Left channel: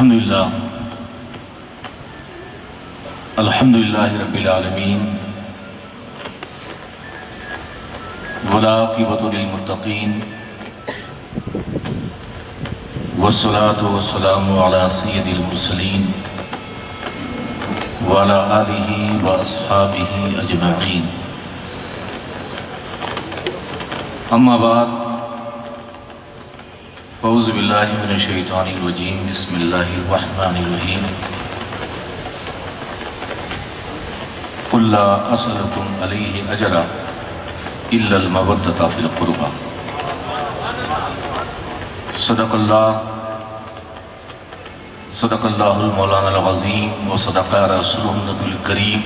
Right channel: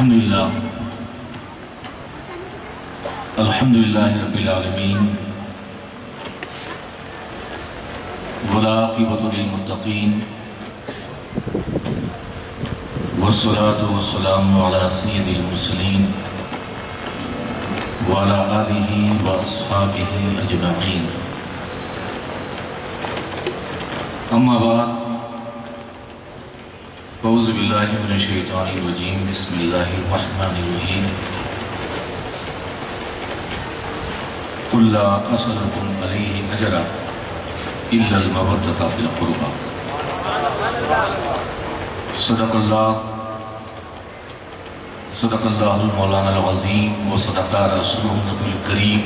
الحمدللہ رب العالمین والعاقبۃ للمتقین والصلاة والسلام علی سید المرسلین وعلی آلہ واصحابہ اجمعین، اما بعد اعوذ باللہ من الشیطان الرجیم، بسم اللہ الرحمن الرحیم۔ قل لا اسألکم علیہ اجرا الا المودۃ فی القربى۔ صدق اللہ المولانا العظیم وصدق رسولہ النبی الکریم،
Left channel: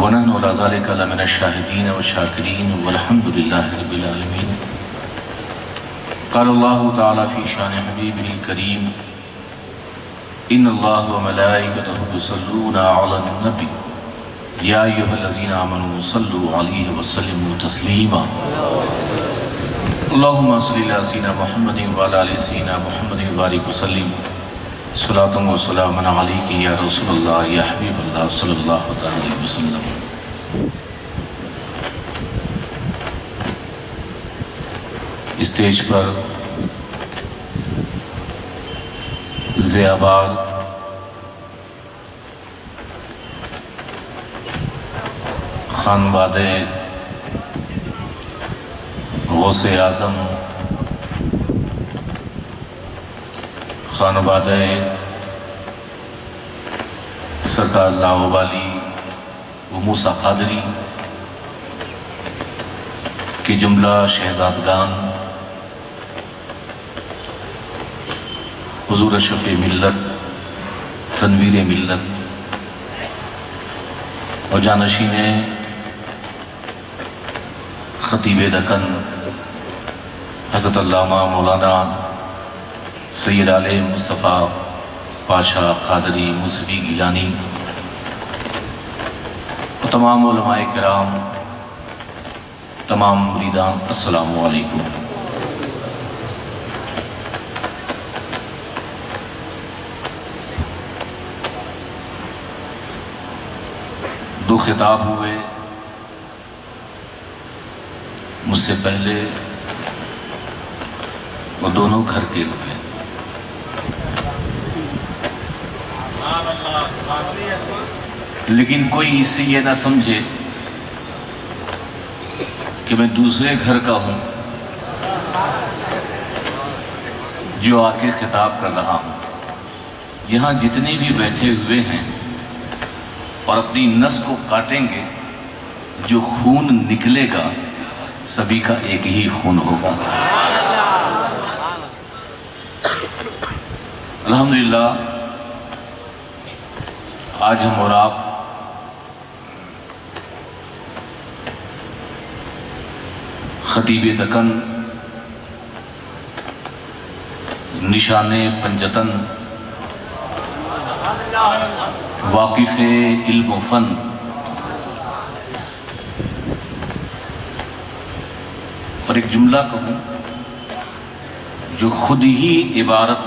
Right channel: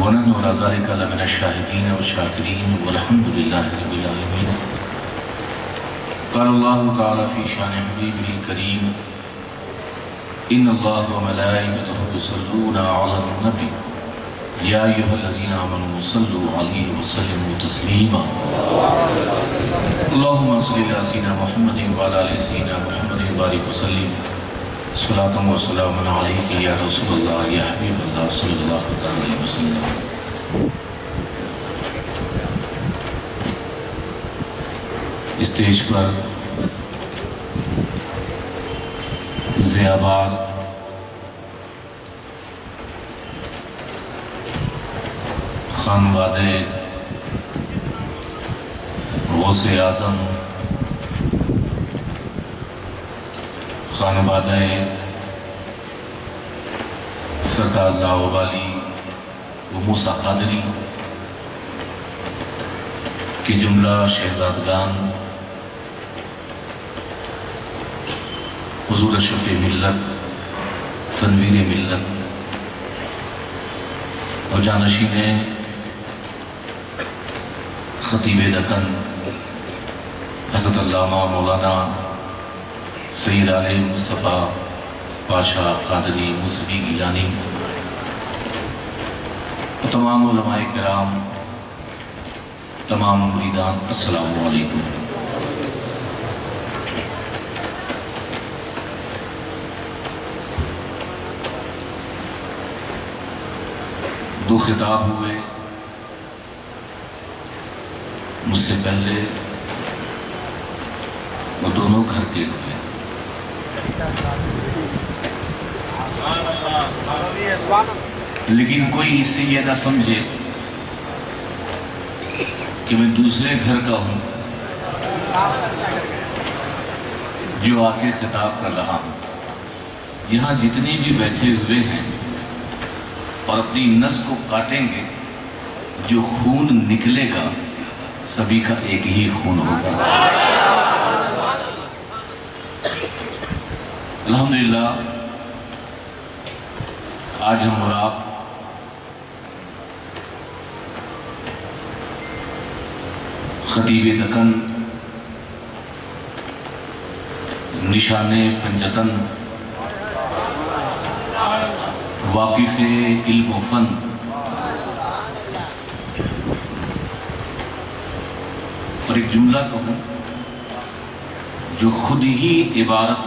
ونحن علی ذلک لمن الشاہدین والشاکرین والحمد للہ رب العالمین۔ قال اللہ تعالی فی شان حبیبہ الکریم، ان اللہ وملائکتہ یصلون علی النبی یا ایھا الذین آمنوا صلوا علیہ وسلموا تسلیما۔ اللہم صل علی سیدنا محمد وعلی آل سیدنا محمد وبارک وسلم، صلاۃ و سلام علیک یا رسول اللہ یا حبیب اللہ صلی اللہ علیہ وسلم۔ اسٹیج پر ضیاباد خانوادہ غوث اعظم، خانوادہ سرکار لاہوبالی و موسیٰ قادری کی جملہ شہزادگان، حضور اشرف ملت، تنویر ملت اور جانشین خطیب دکن حضرت علامہ مولانا سید علیہ مصطفیٰ پاشا قادری موسوی گیلانی اور تمام علماء کرام، تمام مریدان، السلام علیکم۔ دو خطاب ہوئے مجھ سے پہلے، وہ دونوں گھر کے ہوئے، لیکن کوئی اس سے یہ نہ سمجھے کہ میں دوسرے گھر کا ہوں جو آ کے خطاب کر رہا ہوں۔ یہاں جتنے بھی بیٹھے ہوئے ہیں اور اپنی نس کو کاٹیں گے، جو خون نکلے گا سبھی کا ایک ہی خون ہوگا۔ الحمدللہ آج ہم اور آپ خطیب دکن، نشان پنجتن، واقف علم و فن، اور ایک جملہ کہوں جو خود ہی عبارت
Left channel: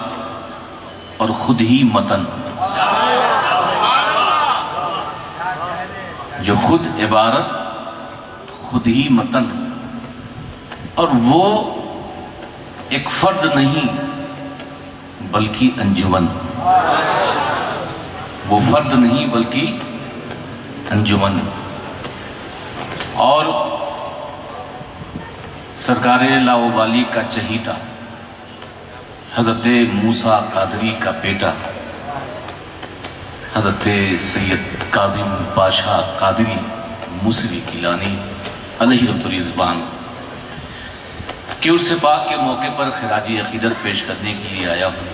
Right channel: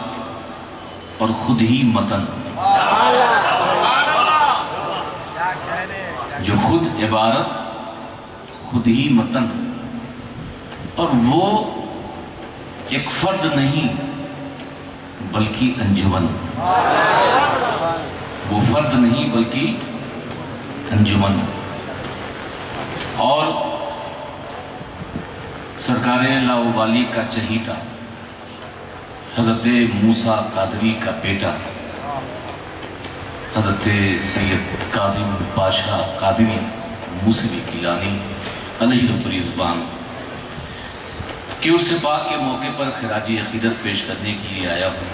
اور خود ہی متن، جو خود عبارت خود ہی متن، اور وہ ایک فرد نہیں بلکہ انجمن، وہ فرد نہیں بلکہ انجمن۔ اور سرکار لاہوبالی کا چہیتا، حضرت موسیٰ قادری کا بیٹا، حضرت سید کاظم پاشا قادری موسوی گیلانی علیہ الرضوان کہ اس سے پاک کے موقع پر خراج عقیدت پیش کرنے کے لیے آیا ہوں۔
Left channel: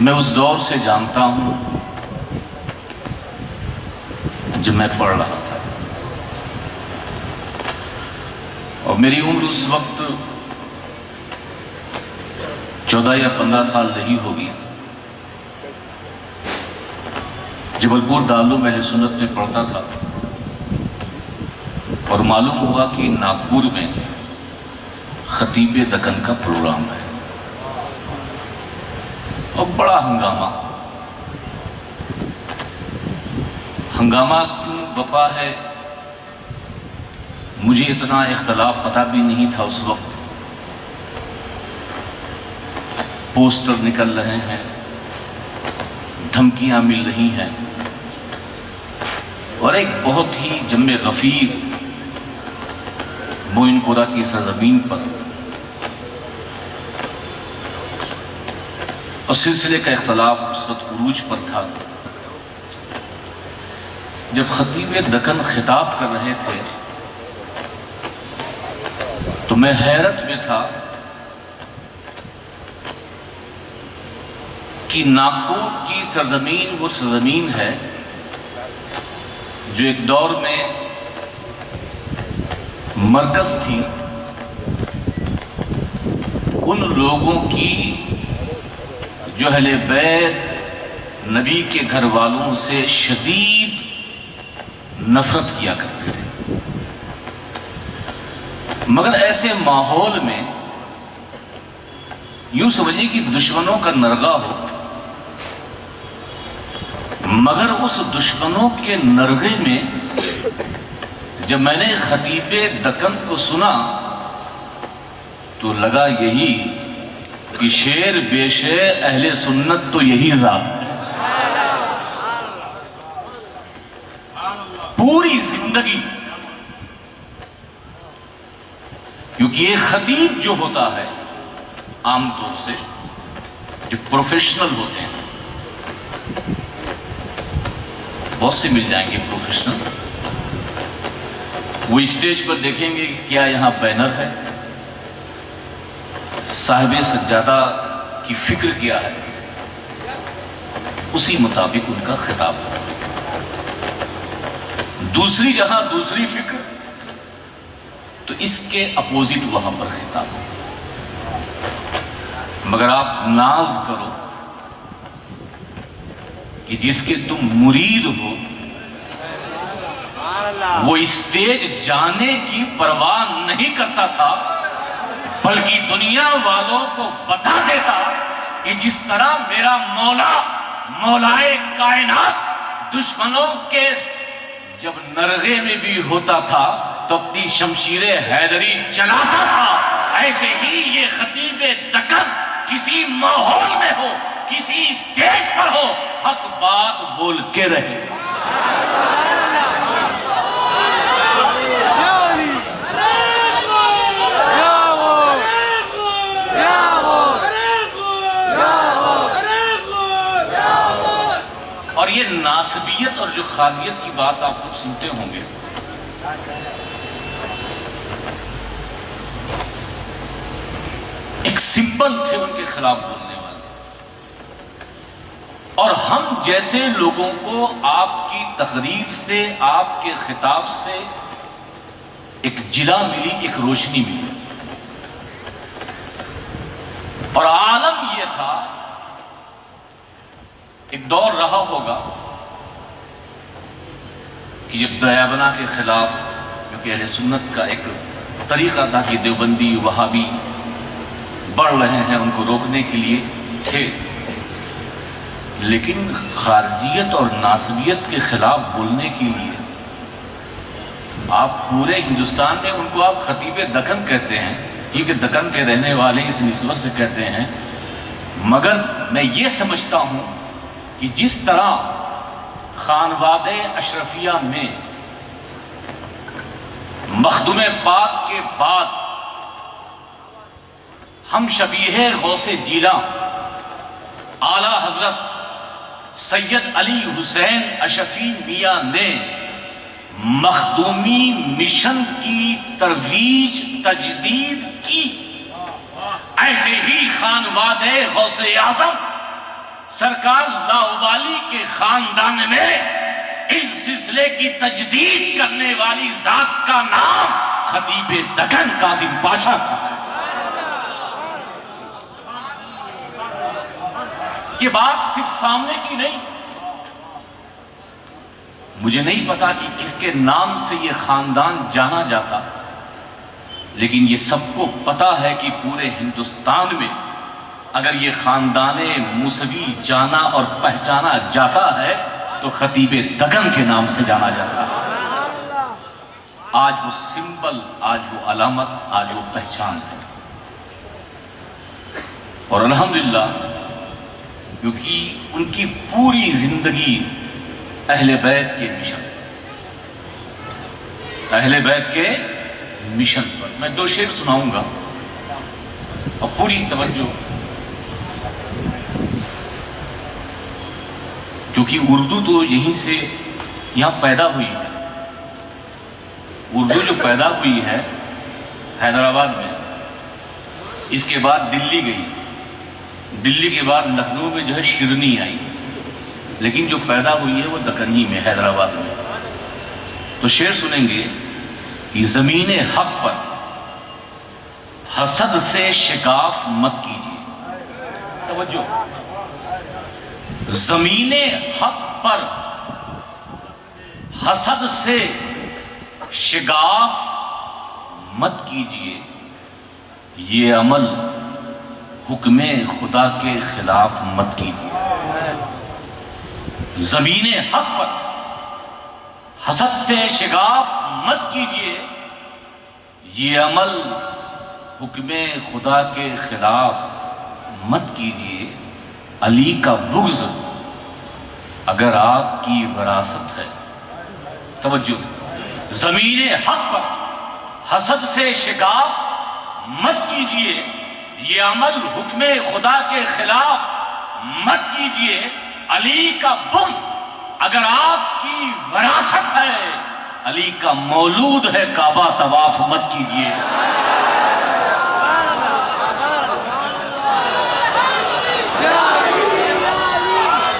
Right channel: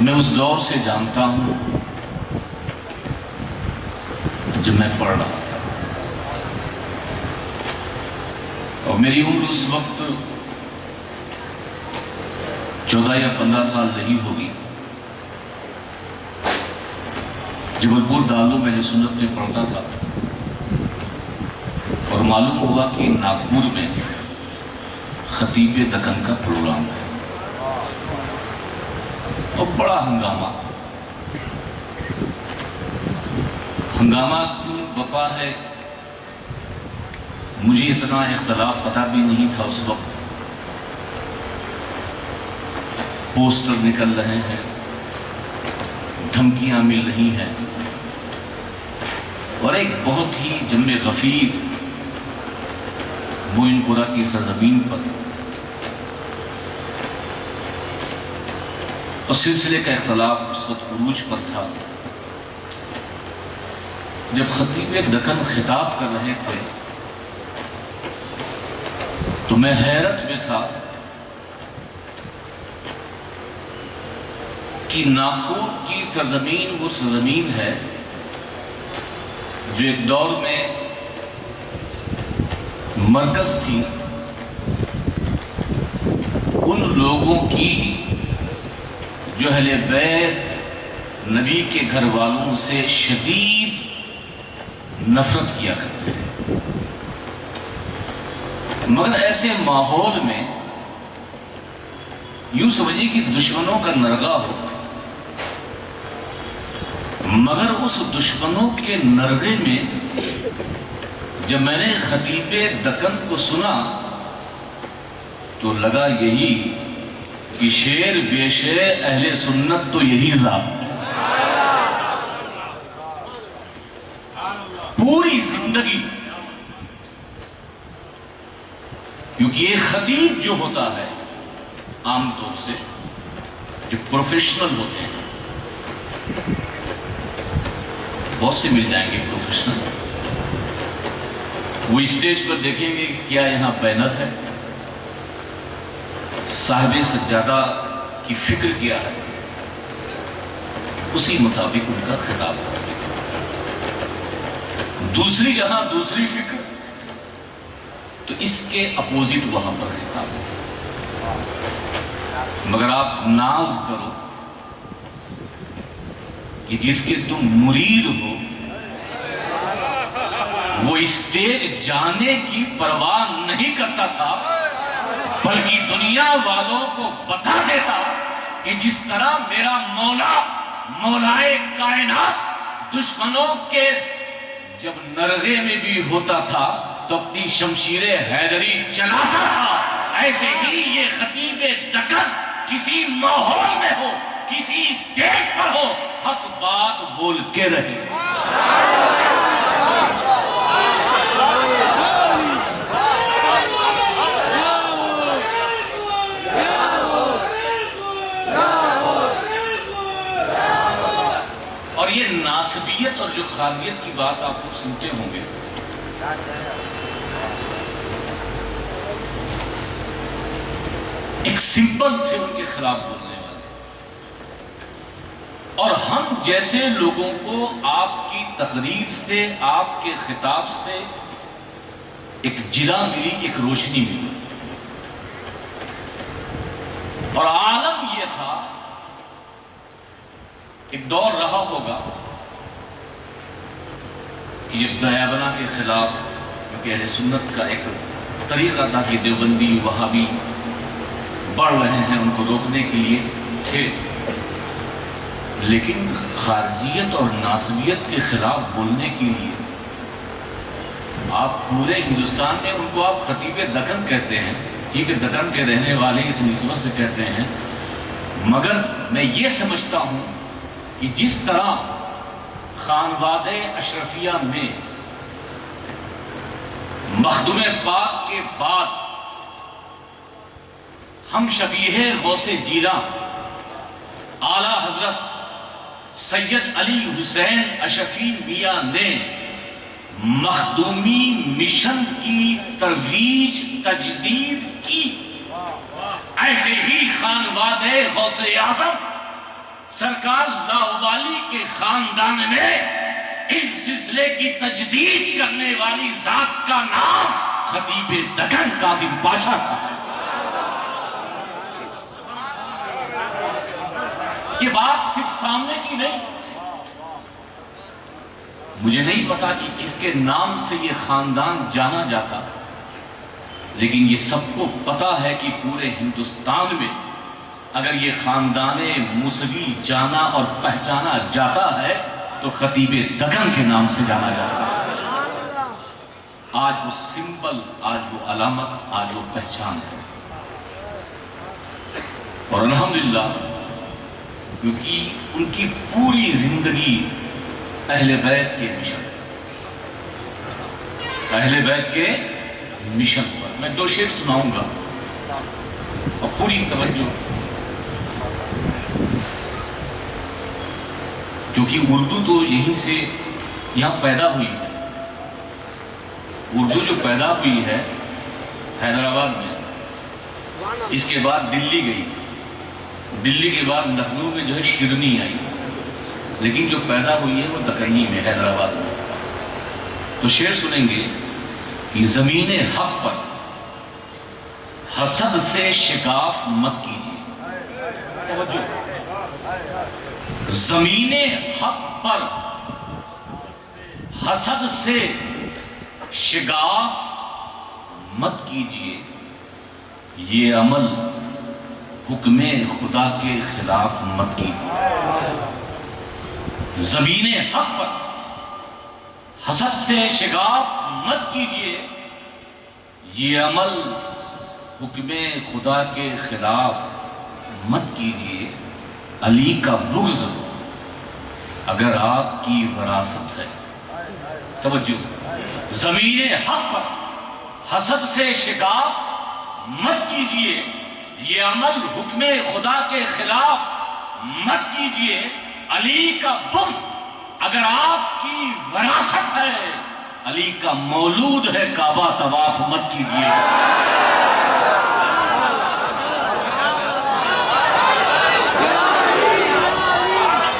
میں اس دور سے جانتا ہوں جب میں پڑھ رہا تھا، اور میری عمر اس وقت 14 یا 15 سال نہیں ہوگی۔ جبل پور دارالعلوم اہل سنت میں پڑھتا تھا، اور معلوم ہوا کہ ناگپور میں خطیب دکن کا پروگرام ہے اور بڑا ہنگامہ کیوں بپا ہے، مجھے اتنا اختلاف پتہ بھی نہیں تھا اس وقت۔ پوسٹر نکل رہے ہیں، دھمکیاں مل رہی ہیں، اور ایک بہت ہی جم غفیر موئن پورہ کی سرزمین پر اور سلسلے کا اختلاف اس وقت عروج پر تھا۔ جب خطیب دکن خطاب کر رہے تھے تو میں حیرت میں تھا کہ ناگپور کی سرزمین وہ سرزمین ہے جو ایک دور میں مرکز تھی ان لوگوں کی جو اہل بیت نبی کے گھر والوں سے شدید نفرت کیا کرتے تھے، مگر ایسے ماحول میں یوں سمجھیں کہ دشمنوں کا نرغہ ہو، مگر اس دشمنوں کے نرغے میں جب میں نے خطیب دکن کو سنا تو لگا یہی کہ شیر بے شیر اہل سنت تو یہی ذات ہے۔ پوری زندگی، کیونکہ ایک خطیب جو ہوتا ہے عام طور سے جو پروفیشنل ہوتے ہیں، بہت سے مل جائیں گے پروفیشنل، وہ اسٹیج پر دیکھیں گے کہ کیا یہاں بینر ہے، صاحب سجادہ کی فکر کیا ہے، اسی مطابق ان کا خطاب ہے۔ دوسری جہاں دوسری فکر تو اس کے اپوزٹ وہاں پر خطاب ہو۔ مگر آپ ناز کرو کہ جس کے تم مرید ہو وہ اسٹیج جانے کی پرواہ نہیں کرتا تھا، بلکہ دنیا والوں کو بتا دیتا کہ جس طرح میرا مولا مولائے کائنات دشمنوں کے جب نرغے میں بھی ہوتا تھا تو اپنی شمشیر حیدری چلاتا تھا، ایسے ہی یہ خطیب دکن کسی ماحول میں ہو، کسی اسٹیج پر ہو، حق بات بول کے رہے۔ اور یہ ناسبیت اور جو خالیت کی بات آپ لوگ سنتے ہوں گے، ایک سمپل تھے ان کے خلاف بولنے والے، اور ہم جیسے لوگوں کو آپ کی تقریر سے، آپ کے خطاب سے ایک جلا ملی، ایک روشنی ملی، اور عالم یہ تھا، ایک دور رہا ہوگا کہ جب دیابنا کے خلاف، کیونکہ اہل سنت کا ایک طریقہ تھا کہ دیوبندی وہابی بڑھ رہے ہیں، ان کو روکنے کے لیے تھے، لیکن خارجیت اور ناسبیت کے خلاف بولنے کے لیے آپ پورے ہندوستان میں ان کو آپ خطیب دکن کہتے ہیں، کیونکہ دکن کے رہنے والے اس نسبت سے کہتے ہیں، مگر میں یہ سمجھتا ہوں کہ جس طرح خانوادہ اشرفیہ میں مخدوم پاک کے بعد ہم شبیہ غوث جیلاں اعلی حضرت سید علی حسین اشرفی میاں نے مخدومی مشن کی ترویج تجدید کی، ایسے ہی خانوادہ غوث اعظم سرکار لاؤبالی کے خاندان میں اس سلسلے کی تجدید کرنے والی ذات کا نام خطیب دکن کاظم پاشا تھا۔ یہ بات صرف سامنے کی نہیں، مجھے نہیں پتا کہ کس کے نام سے یہ خاندان جانا جاتا، لیکن یہ سب کو پتا ہے کہ پورے ہندوستان میں اگر یہ خاندان موسوی جانا اور پہچانا جاتا ہے تو خطیب دگن کے نام سے جانا جاتا ہے۔ آج وہ سمبل، آج وہ علامت، آج وہ پہچان ہے۔ اور الحمدللہ کیونکہ ان کی پوری زندگی اہل بیت کے مشن، اہل بیت کے مشن پر۔ میں 2 شعر سناؤں گا اور پوری توجہ، کیونکہ اردو تو یہیں سے یہاں پیدا ہوئی ہے۔ اردو جو پیدا ہوئی ہے حیدرآباد میں، اس کے بعد دلی گئی، دلی کے بعد لکھنؤ میں جو ہے شیرنی آئی، لیکن جو پیدا ہوئی ہے وہ دکنی میں، حیدرآباد میں۔ تو شعر سنیں گے کہ زمین حق پر حسد سے شگاف مت کیجیے، توجہ، زمین حق پر حسد سے شگاف مت کیجیے، یہ عمل حکم خدا کے خلاف مت کیجیے۔ زمین حق پر حسد سے شگاف مت کیجیے، یہ عمل حکم خدا کے خلاف مت کیجیے۔ علی کا بغض اگر آپ کی وراثت ہے، توجہ، زمین حق پر حسد سے شگاف مت کیجیے، یہ عمل حکم خدا کے خلاف مت کیجیے۔ علی کا بغض اگر آپ کی وراثت ہے، علی کا مولود ہے، کعبہ طواف مت کیجیے۔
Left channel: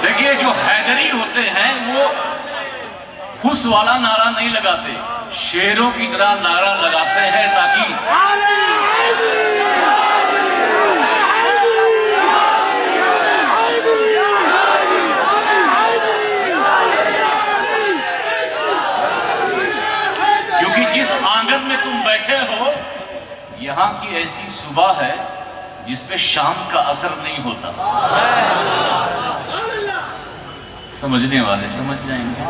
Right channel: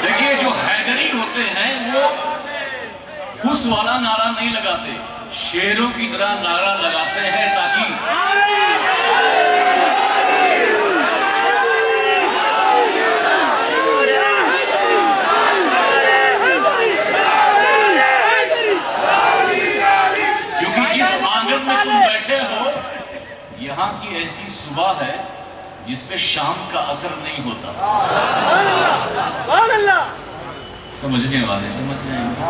دیکھیے جو حیدری ہوتے ہیں وہ خس والا نعرہ نہیں لگاتے، شیروں کی طرح نعرہ لگاتے ہیں تاکہ میں تم بیٹھے ہو یہاں کی ایسی صبح ہے جس پہ شام کا اثر نہیں ہوتا۔ سمجھنے والے سمجھ جائیں گے۔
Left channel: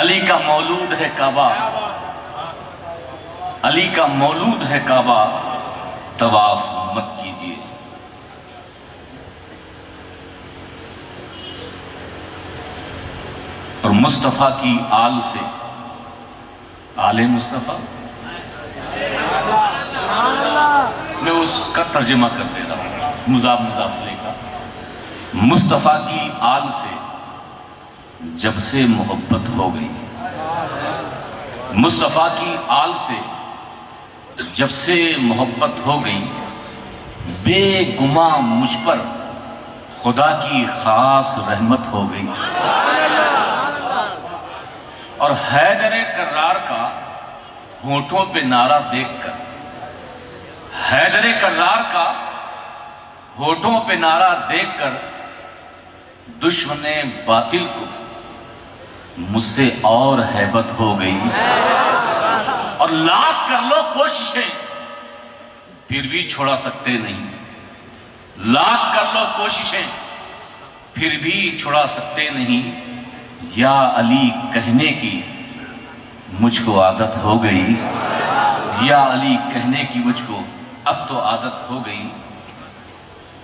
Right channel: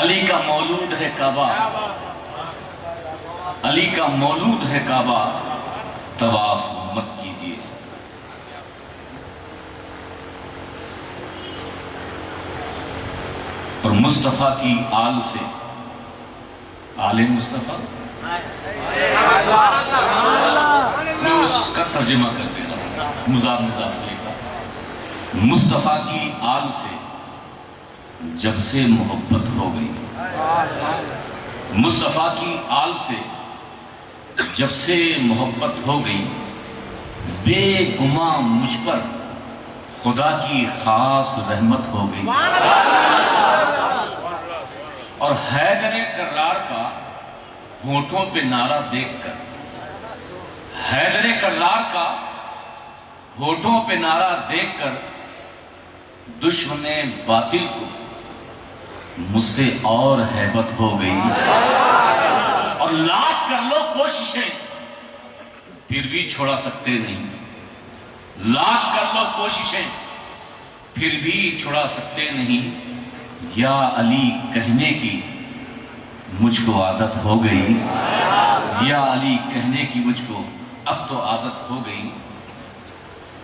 علی کا مولود ہے کعبہ، علی کا مولود ہے کعبہ، طواف مت کیجیے۔ اور مصطفیٰ کی آل سے، آل مصطفیٰ، میں اس کا ترجمہ کر دیتا ہوں مضاف لے کا۔ مصطفیٰ کی آل سے جب سے محبت ہو گئی، مصطفیٰ کی آل سے جب سے محبت ہو گئی، بے گماں مجھ پر خدا کی خاص رحمت ہو گئی۔ اور حیدر کرار کا ہونٹوں پہ نعرہ دیکھ کر، حیدر کرار کا ہونٹوں پہ نعرہ دیکھ کر دشمن باطل کو مجھ سے اور ہیبت ہو گئی۔ اور لاکھ کر لو کوششیں پھر بھی چھوڑا سکتے نہیں، لاکھ کر لو کوششیں پھر بھی چھوڑا سکتے نہیں۔ یا علی کہنے کی مجھ کو عادت ہو گئی، یا علی کہنے کی مجھ کو اب تو عادت ہو گئی۔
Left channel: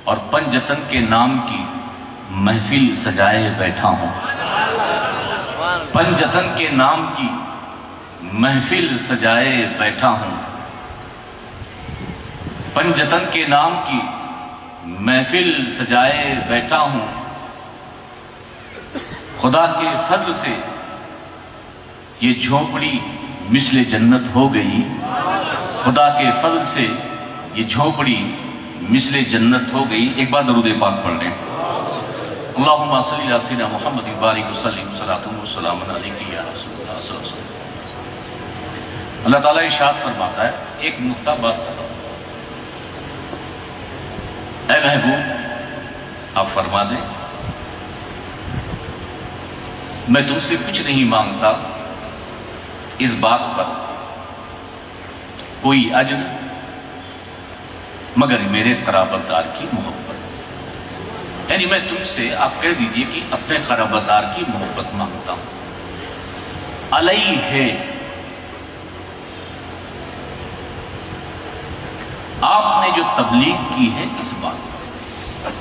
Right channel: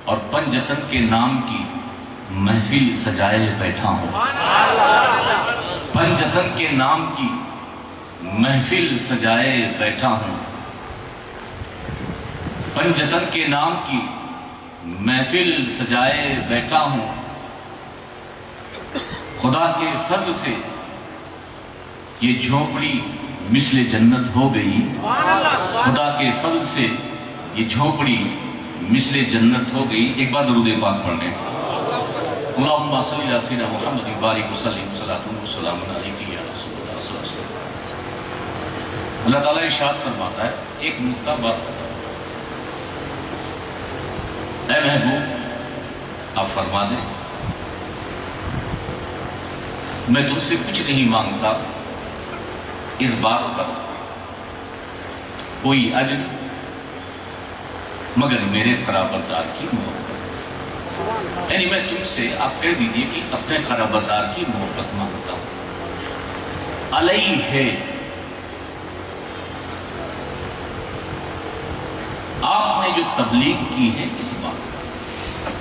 اور پنجتن کے نام کی محفل سجائے بیٹھا ہوں، پنجتن کے نام کی محفل سجائے بیٹھا ہوں، پنجتن کے نام کی محفل سجائے بیٹھا ہوں۔ خدا کے فضل سے یہ جھونپڑی مثل جنت ہو گئی، خدا کے فضل سے یہ جھونپڑی مثل جنت ہو گئی۔ ایک بار درود پاک پڑھ لیں۔ اللہم صلی علی سیدنا محمد بارک وسلم صلاۃ و سلام علیک یا رسول اللہ صلی اللہ علیہ وسلم۔ اللہ تعالیٰ ارشاد فرماتا ہے، ایک نکتہ بات، اے محبوب آپ فرما دیں میں تم سے کچھ نہیں مانگتا اس بات پر کوئی اجر مگر میرے قرابت دار کی محبت. یعنی میں تم سے آپ کہہ دیجئے کہ اپنے قرابت دار کی محبت مانگتا ہوں. علیہ آپ نے جو تبلیغ کی ہے اس بات پر،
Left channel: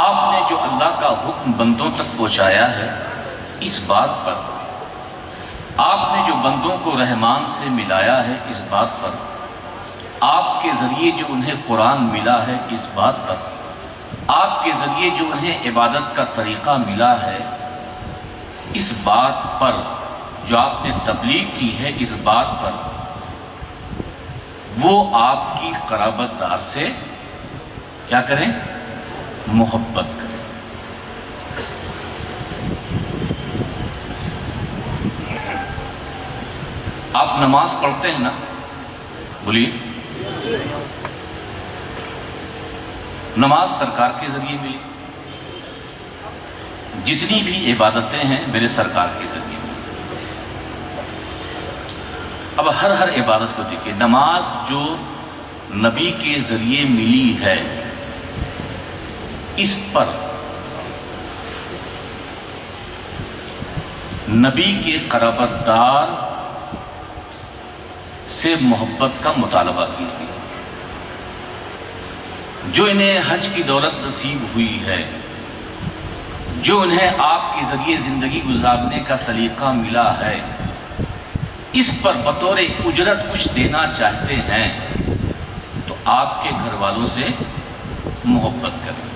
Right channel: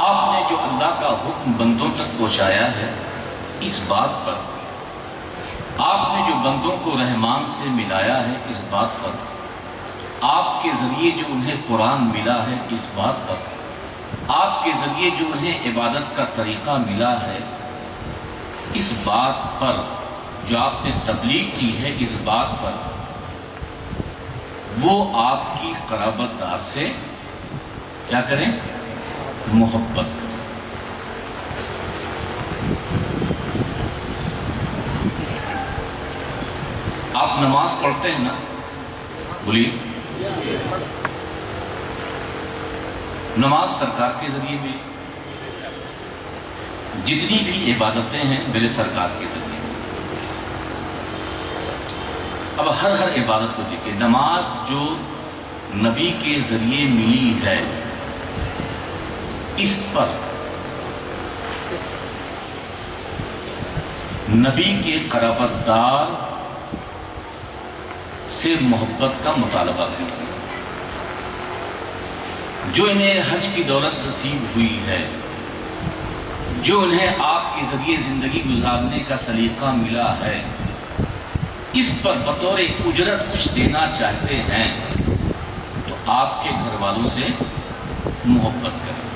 آپ نے جو اللہ کا حکم بندوں تک پہنچایا ہے اس بات پر، آپ نے جو بندوں کو رحمان سے ملایا ہے اس بات پر، آپ کے ذریعے جو انہیں قرآن ملا ہے اس بات پر، آپ کے ذریعے جو انہیں عبادت کا طریقہ ملا ہے اس بات پر، جو آپ نے تبلیغ کی ہے اس بات پر، وہ آپ کی قرابت دار سے کیا کریں؟ محبت کریں. آپ نماز پڑھتے ہیں نا؟ بولیے. نماز سرکار کے ذریعے ملی، جتنی بھی عبادتیں ہیں میرے سرکار کے ذریعے. اب ہر عبادت کو دیکھیں، نماز جو نبی کے ذریعے ملی ہے اس پر نبی کے قرابت دار سے محبت کا مطالبہ کیجیے. جو انہیں حج کی دولت نصیب ہوئی ہے، جو انہیں آپ کے ذریعے زندگی گزارنے کا سلیقہ ملا ہے، اس پر بطور اجرت کچھ دینا چاہتے ہیں تو آپ کے گھر والوں سے محبت کریں.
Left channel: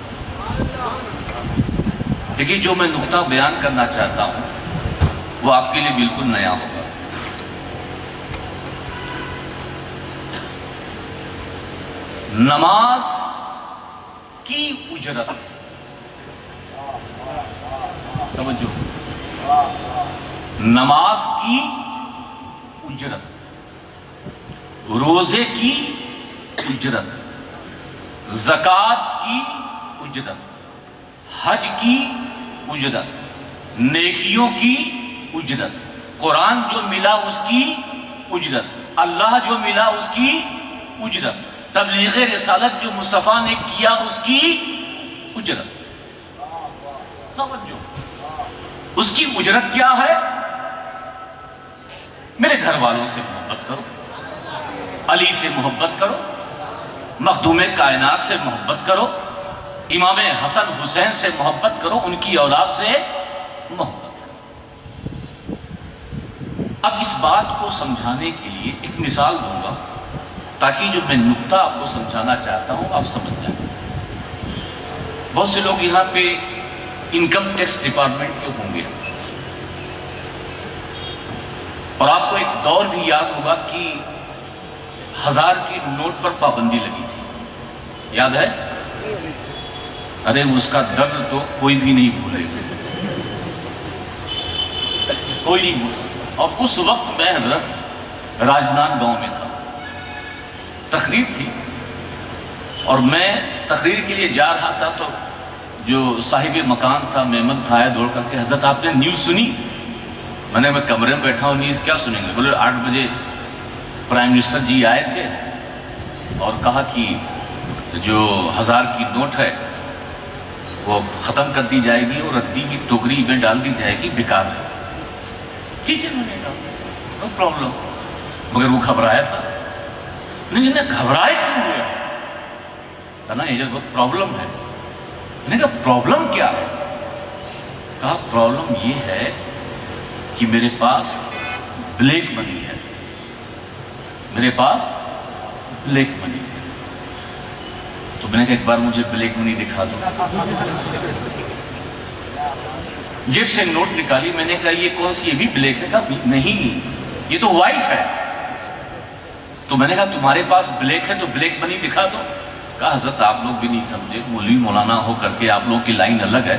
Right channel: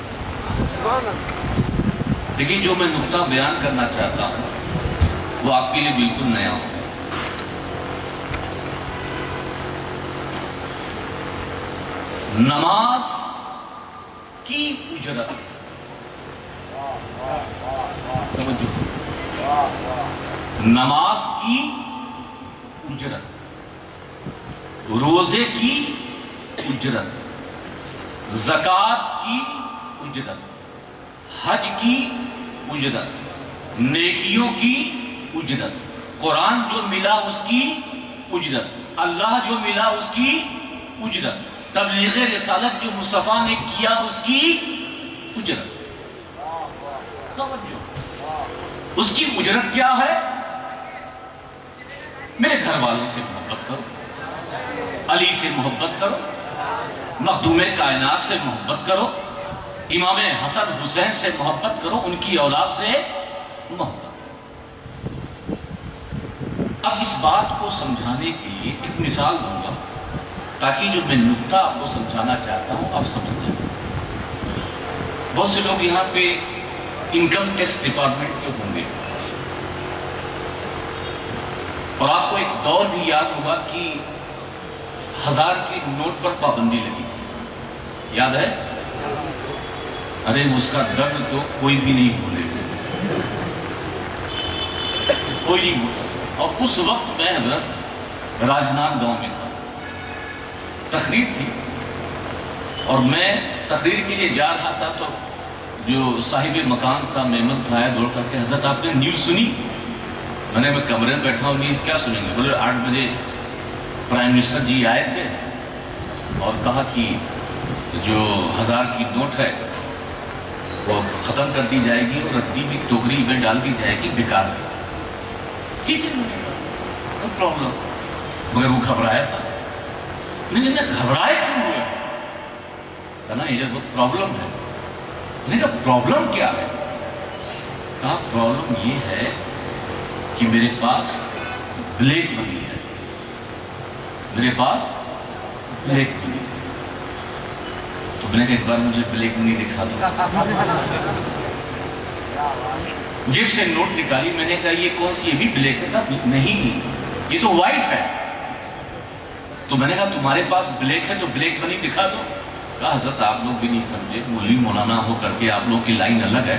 دیکھیے جو میں نقطہ بیان کرنا چاہتا ہوں وہ آپ کے لیے بالکل نیا ہوگا. نماز کی اجرت، نماز کی اجرت، روزے کی اجرت، زکوٰۃ کی اجرت، حج کی اجرت، نیکیوں کی اجرت، قرآن جو ملا اس کی اجرت، اللہ جو ملا اس کی اجرت، تبلیغ رسالت جو مصطفیٰ نے کیا اس کی اجرت. اس کی اجرت کیا ہے؟ میرے گھر والوں سے محبت کرو، علی سے محبت کرو، مخدوم کائنات سے محبت کرو، امام حسن حسین سے محبت کرو، ان کی اولاد سے محبت کرو. اب اس بات کو سمجھانے کے لیے ایک مثال دوں گا تاکہ جو میں نقطہ آپ کو سمجھانا چاہتا ہوں آپ سمجھ جائیں. بہت سے لوگ یہاں پہ انکم ٹیکس ڈپارٹمنٹ کے ہوں گے اور آپ کو ایک دور بھی یاد ہوگا کہ 1000 کے نوٹ پر پابندی لگی تھی، یاد ہے؟ ارے اس کا درد تو کوئی بھی نہیں بھولے گا، کوئی نہیں بھول سکتا. اور اس وقت میں حضرت راجنان گاؤں میں تھا، تقریر تھی اور میں تقریر کے لیے جا رہا تھا تو جو صاحب مکان تھا میمن تھا دوڑ کر کے، حضرت آپ نے نیوز سنی؟ میں کمرے میں بیٹھا ہوں، نیوز کیا سنیں گے؟ بولے 8 بجے پرائم منسٹر جی آئے تھے اور کہا کہ جو 1000 کی نوٹ ہے وہ ختم کر دی جائے گی اور ردی کی ٹوکری میں ڈال دی جائے گی، بیکار ہے. ٹھیک ہے، میں نے کہا نو پرابلم. مگر وہ گھبرایا تھا. نہیں گھبرائے کیوں ہوا؟ کہا نا یہ بہت پرابلم ہے. میں نے کہا پرابلم کیا ہے؟ کہا پرابلم یہ ہے کہ میرے پاس بلیک منی ہے، میرے پاس بلیک منی. تو میں نے کہا ایک بار مجھے بلیک منی دکھا دو. جیب سے نوٹ نکالی، میں نے کہا یہ کون سی؟ یہ بھی بلیک ہے؟ کہا نہیں یہ تو وائٹ ہے. تو میں نے کہا تمہارے پاس بلیک ہے تو بلیک منی دکھا دو. کہا حضرت آپ لوگ بھی نہیں سمجھے، مولوی مولانا ہو کر کے آپ لوگوں کی لائن الگ ہے،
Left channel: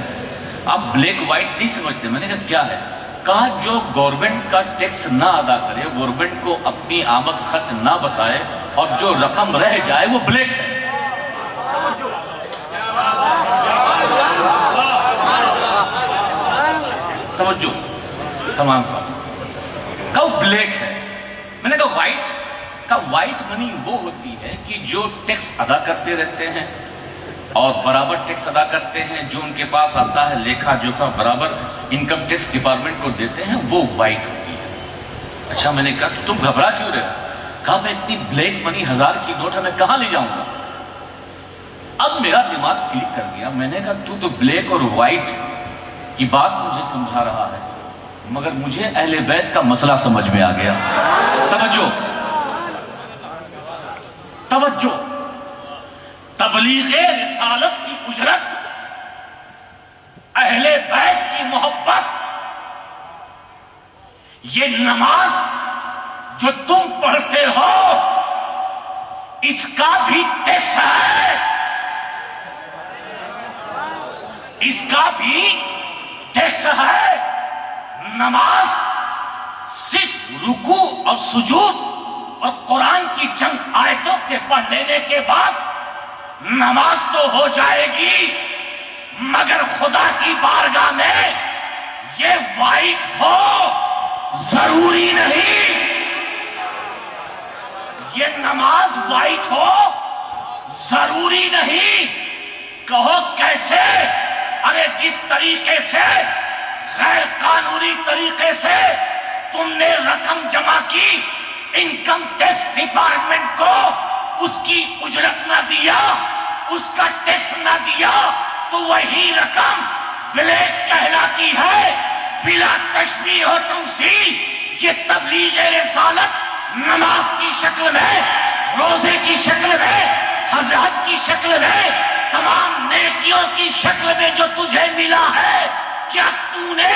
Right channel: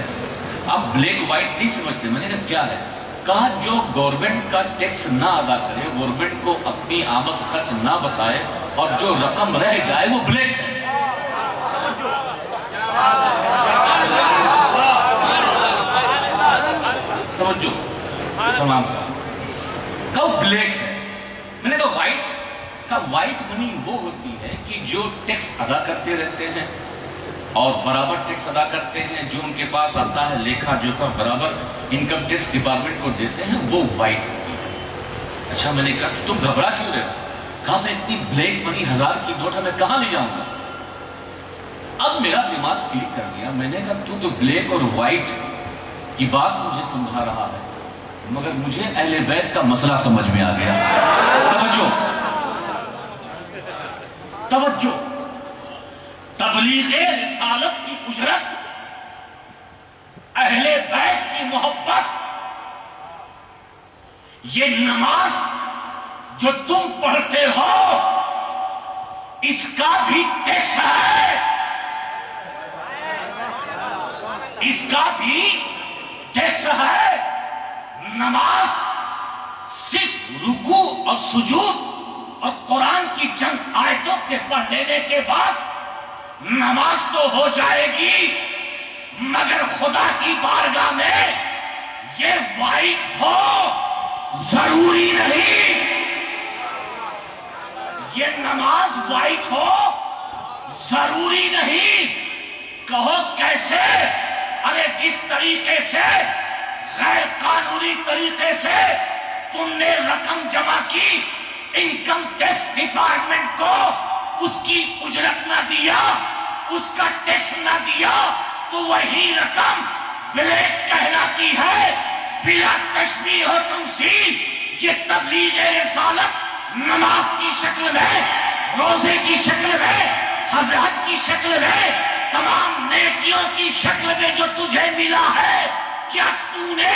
آپ بلیک وائٹ نہیں سمجھتے. میں نے کہا کیا ہے؟ کہا جو گورنمنٹ کا ٹیکس نہ ادا کرے، گورنمنٹ کو اپنی آمد خرچ نہ بتائے اور جو رقم رہ جائے وہ بلیک ہے. توجہ تمام صاحب کہا بلیک ہے. میں نے کہا وائٹ؟ کہا وائٹ منی وہ ہوتی ہے کہ جو ٹیکس ادا کرتے رہتے ہیں اور برابر ٹیکس ادا کرتے ہیں, جو ان کے پاس آتا ہے لیکھا جوکھا برابر انکم ٹیکس ڈپارٹمنٹ کو دیتے ہیں, وہ وائٹ ہوتی ہے. اچھا, میں نے کہا تم گھبرا کیوں رہے؟ کہا میں اتنی بلیک منی 1000 کی نوٹ ہے میں کہاں لے جاؤں گا. اب میرا دماغ کلک کر دیا. میں نے کہا تو بلیک اور وائٹ کی بات مجھے سمجھا رہا ہے, مگر مجھے اہل بیت کا مسئلہ سمجھ میں آ گیا. توجہ توجہ, تبلیغ رسالت کی اجرت, اہل بیت کی محبت, یہ نماز جو تم پڑھتے ہو اس کا بھی ٹیکس ہے, اس کا بھی ٹیکس ہے. نماز صرف رکوع اور سجود اور قرآن کی چند آیتوں کے پڑھ لینے کے بعد نماز تو ہو جائے گی, مگر خدا کی بارگاہ میں یہ وائٹ ہو ضروری نہیں. یہ نماز وائٹ ہو ضروری نہیں. کہو کیسے؟ ارے جس طریقے سے غیر قانونی طریقے سے تم نے رقم جمع کی, انکم ٹیکس ڈپارٹمنٹ کو اس کی اجرت نہ دیا, اس کا ٹیکس نہ دیا, تو وہی رقم بلیک کہلاتی ہے بلا تشبیہ و تمثیل. یہ تبلیغ رسالت نماز کی شکل میں, روزے کی شکل میں, حج کی شکل میں, تمام نیکیوں کی شکل میں جو تجھے ملا ہے, کیا تو نے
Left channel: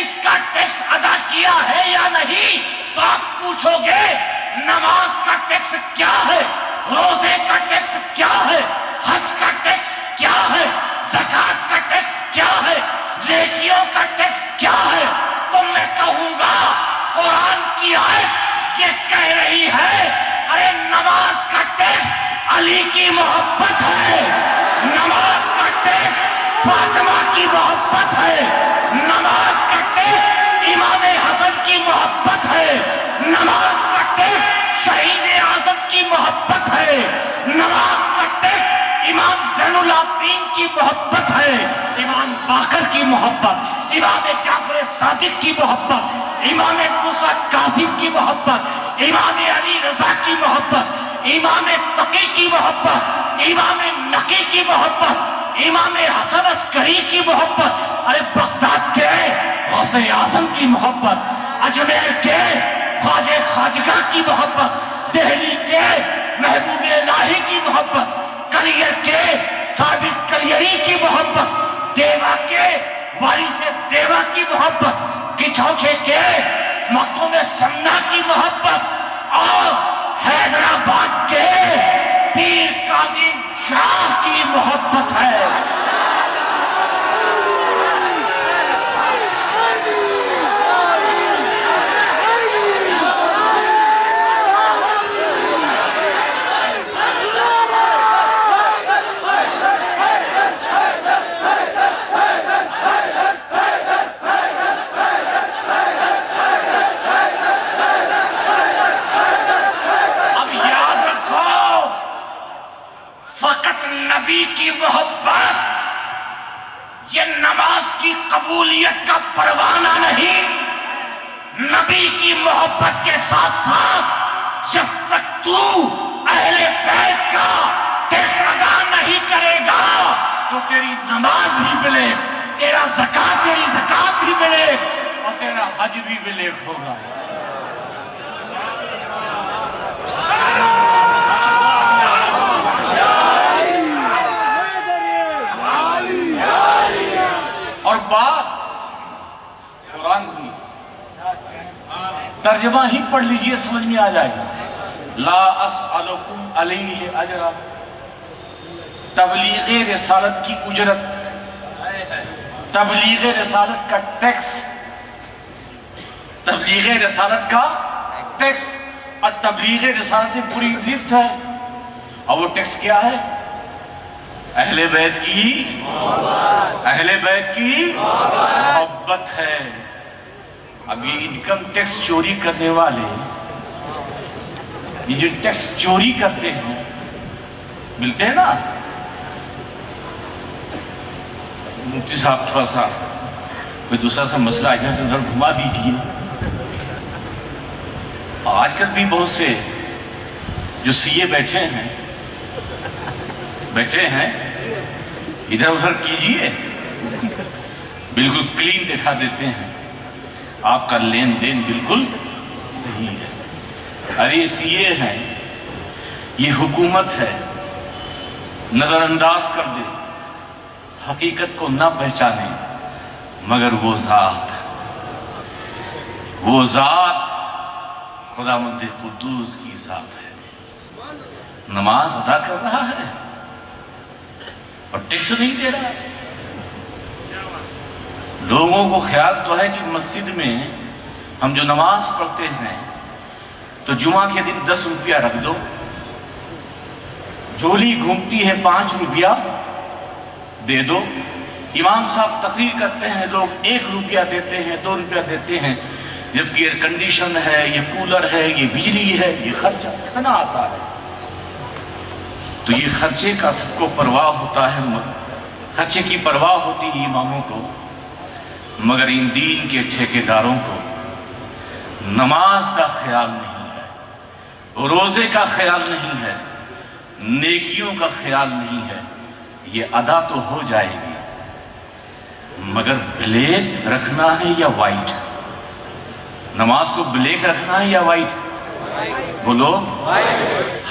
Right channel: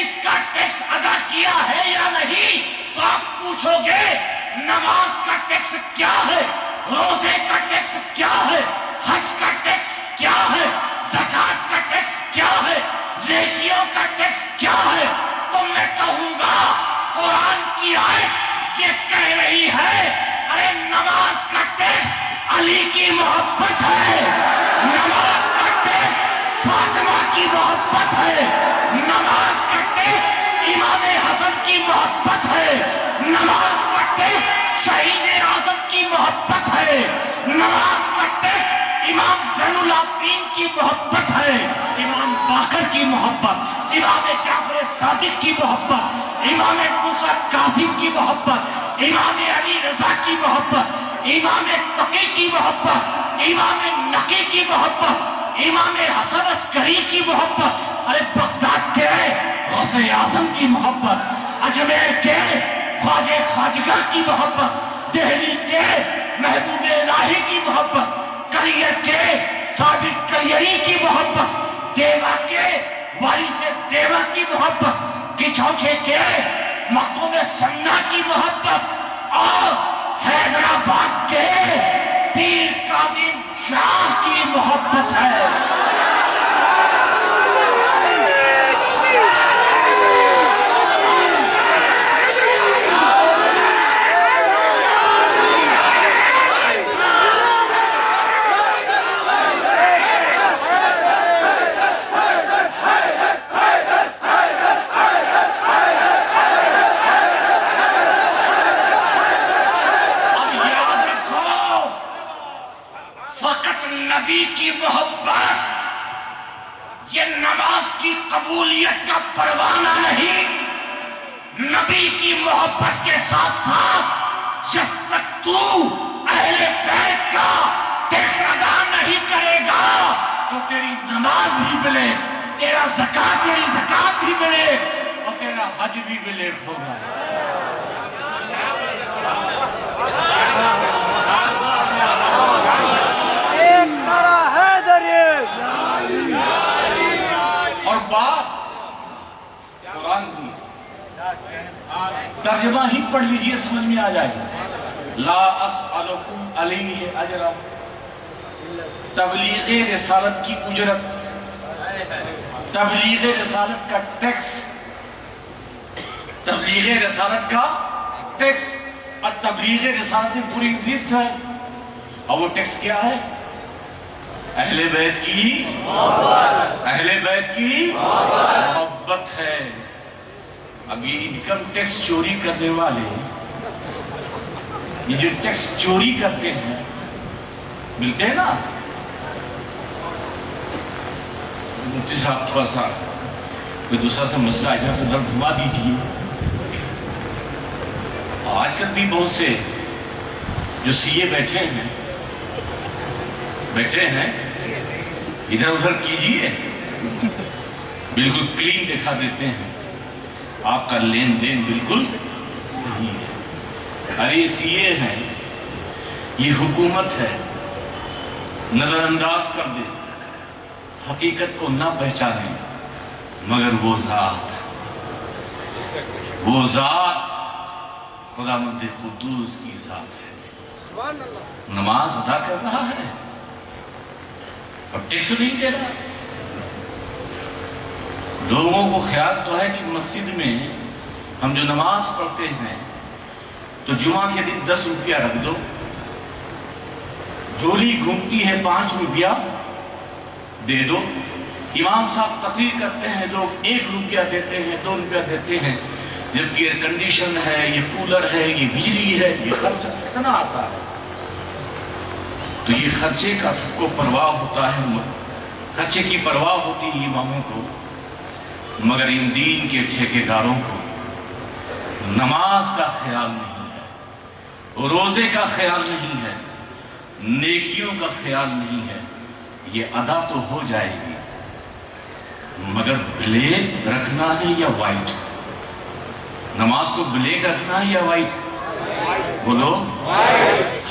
اس کا ٹیکس ادا کیا ہے یا نہیں؟ تو آپ پوچھو گے نماز کا ٹیکس کیا ہے, روزے کا ٹیکس کیا ہے, حج کا ٹیکس کیا ہے, زکات کا ٹیکس کیا ہے, نیکیوں کا ٹیکس کیا ہے؟ تو میں کہوں گا قرآن کی آیت یہ کہہ رہی ہے ارے نماز کا ٹیکس علی کی محبت ہے, نماز کا ٹیکس فاطمہ کی محبت ہے, نماز کا ٹیکس امام حسن کی محبت ہے, نماز کا ٹیکس شہید اعظم کی محبت ہے, نماز کا ٹیکس امام زین العابدین کی محبت ہے, امام باقر کی محبت, امام جعفر صادق کی محبت, امام موسیٰ کاظم کی محبت, امام علی رضا کی محبت, امام تقی کی محبت, امام نقی کی محبت, امام حسن عسکری کی محبت, ارے بغداد کے غوث اعظم کی محبت, اجمیر کے خواجہ خواجگر کی محبت, دہلی کے محبوب الہی کی محبت, کلیر کے ثابت کلیری کی محبت, دیوا کے وارث دیوا کی محبت, کچھوچے کے مختوم سنہ کی محبت, اور حیدرآباد کے پیر کاظم شاہ کی محبت ہے. قبولیت کا پروانہ نہیں, نبی کی محبت کے ساتھ ساتھ جب تک تو اہل بیت کا ٹیکس ادا نہیں کرے گا تو تیری نماز بھی ملے, تیری زکات بھی ملے, اور تیرا حج بھی ملے ہوگا. اور بات قرآن کی ترجمہ ہی پڑھ لیجئے, سمجھ میں آ جائے گا. لا اسألکم علیہ اجرا, تبلیغ رسالت کی اجرت, تبلیغ رسالت کا ٹیکس, تبلیغ رسالت کا ٹیکس, اور تبلیغ رسالت میں پوری لسٹ ہے, اور وہ ٹیکس کیا ہے؟ اہل بیت کی اہل بیت کی محبت ہے۔ اب یہ انکم ٹیکس چوری کرنے والے، یہ جو ٹیکس چوری کرتے ہیں، ملتے ہیں نا، مفتی صاحب تھوڑا سا کوئی دوسرا سا مسئلہ ادھر سے ادھر گھما دیجیے۔ آج کل بھی بہت سے جو سی اے بیٹھے ہیں ادھر ادھر کیجیے، بالکل کلین دکھا دیتے ہیں، آپ کا لین دین بالکل صحیح ہے۔ ارے سی اے ہیں، یہ حکومت ہے، نظر انداز کر دے، حقیقت کو نہ پہچانے، مگر وہ ذات خداوند قدوس کی ذات ہے۔ نماز ادا کر رہا ہے اور ٹیکس نہیں دے رہا۔ لوگوں کو خیال تو ہے کہ مسجد میں ہم جو نماز پڑھتے ہیں تو جمعہ کے دن 10 روپیہ رکھ دو، جھولی گھومتی ہے 5 روپیہ دے دو، امام صاحب تقریر کرتے ہیں، لوگ 1 روپیہ دیتے ہیں، 2 روپیہ دیتے ہیں، جبکہ ایئر کنڈیشن ہے، یہ کولر ہے، یہ بجلی ہے، یہ خرچہ کتنا آتا ہے۔ تو یہ خرچے کا سب کو پرواہ ہوتا ہے، خرچے کی پرواہ ہوتی ہے اماموں کو، مگر ان دین کے ٹھیکیداروں کو نماز کا خیال نہیں ہے، روزے کا خیال نہیں ہے، نیکیوں کا خیال نہیں ہے۔ یہ ادا تو ہو جائے گی، مگر بلیک رکھنا ہے یا وائٹ؟ نماز کو بلیک رکھنا ہے یا وائٹ؟ بولو،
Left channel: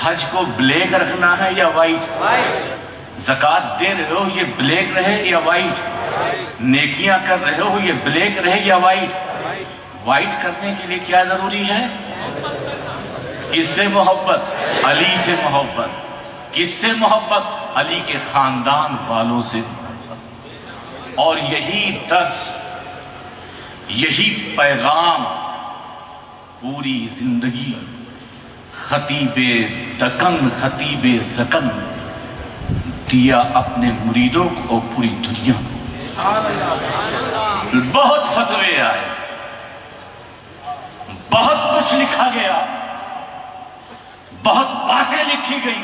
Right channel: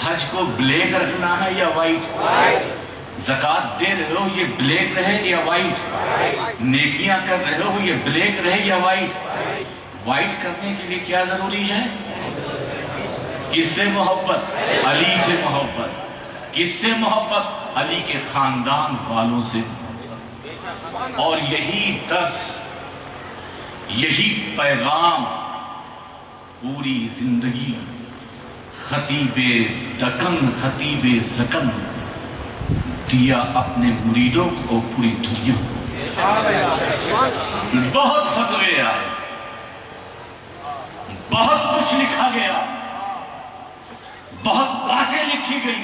حج کو بلیک رکھنا ہے یا وائٹ؟ زکوٰۃ دے رہے ہو یہ بلیک رہے یا وائٹ؟ نیکیاں کر رہے ہو یہ بلیک رہے یا وائٹ؟ وائٹ کرنے کے لیے کیا ضروری ہے؟ کس سے محبت؟ علی سے محبت۔ کس سے محبت؟ علی کے خاندان والوں سے محبت۔ اور یہی درس، یہی پیغام پوری زندگی خطیب دکن، خطیب زکن دیا اپنے مریدوں کو اور پوری دنیا کو۔ بہت فتوے آئے، بہت کچھ لکھا گیا، بہت باتیں لکھی گئی،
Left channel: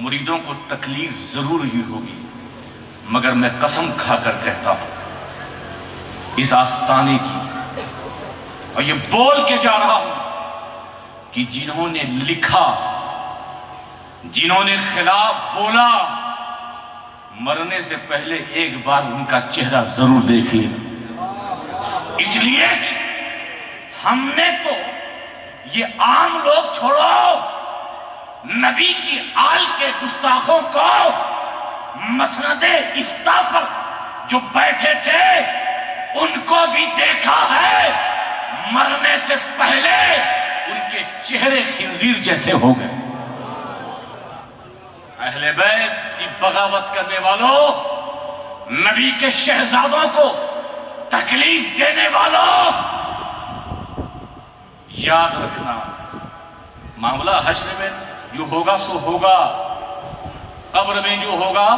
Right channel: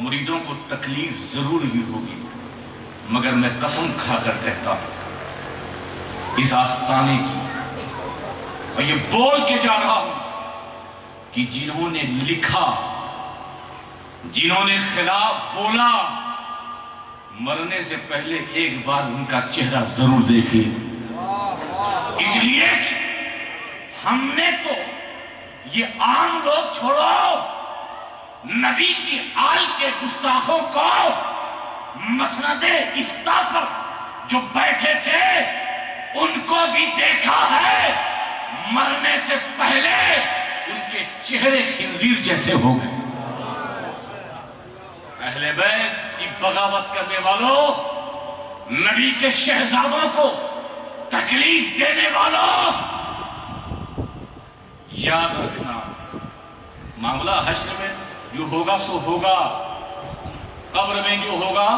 مریدوں کو تکلیف ضرور ہی ہوگی، مگر میں قسم کھا کر کہتا ہوں اس آستانے کی، اور یہ بول کے جا رہا ہوں کہ جنہوں نے لکھا، جنہوں نے خلاف بولا، مرنے سے پہلے ایک بار ان کا چہرہ ضرور دیکھیں۔ اس لیے کہ ہم نے تو یہ عام لوگ چھوڑو، نبی کی آل کے گستاخوں کو مسند افتاء پر جو بیٹھے تھے ان کو بھی دیکھا ہے، مرنے سے پہلے ان کے چہرے خنزیر جیسے ہو گئے۔ اہل بیت کی بغاوت کرنے والوں، نبی کے شہزادوں کو تکلیف دینے والوں، یاد رکھنا معاملہ حشر میں جو ہوگا سو ہوگا، قبر میں جو ہوگا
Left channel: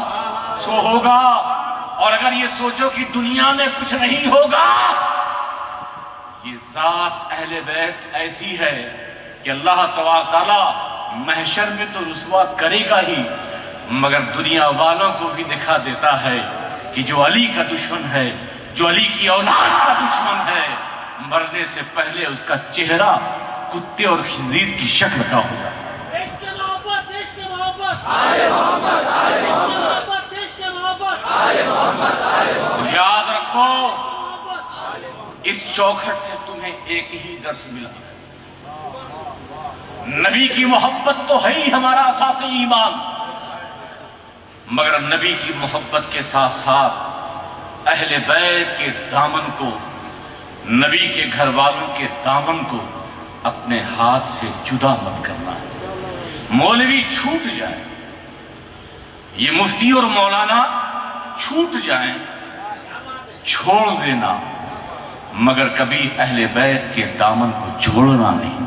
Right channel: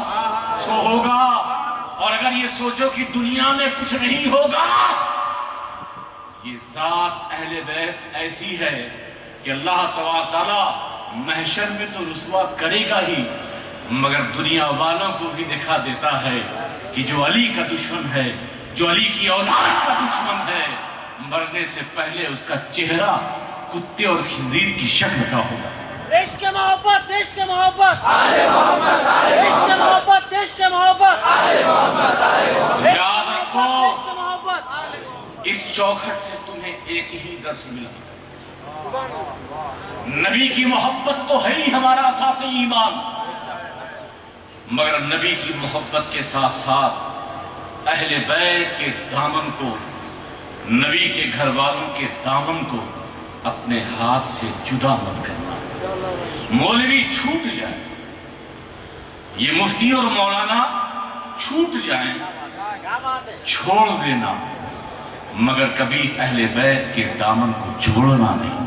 سو ہوگا، اور اگر یہ سوچو کہ دنیا میں کچھ نہیں ہوگا، یہ ذات اہل بیت ایسی ہے کہ اللہ تعالیٰ محشر میں تو رسوا کرے گا ہی، مگر دنیا والوں کو بھی دکھا دیتا ہے کہ جو علی کا دشمن ہے، جو علی کی اولاد کا دشمن ہے، مرنے سے پہلے اس کا چہرہ کتے اور خنزیر کی شکل کا ہوگا۔ دیش کے محبت، دیش کے محبت، آل محمد، آل محمد، دیش کے محبت، آل محمد، آل محمد۔ یاد رکھو اس چوکھٹ سے تمہیں ایک ہی درس ملا، نبی کی محبت تو ہے ہی ہمارا اساس ایمان، مگر نبی کی محبت کے ساتھ ساتھ اہل بیت کے دامن کو، نبی کے گھر والوں کے دامن کو اپنے ہاتھ سے جدا مت کرنا۔ مولوی چھوٹ جائے، یہ مفتی اور مولانا چھوٹ جائیں، چھوڑ دینا، مگر کبھی اہل بیت کے دامن کو جوڑنا نہیں۔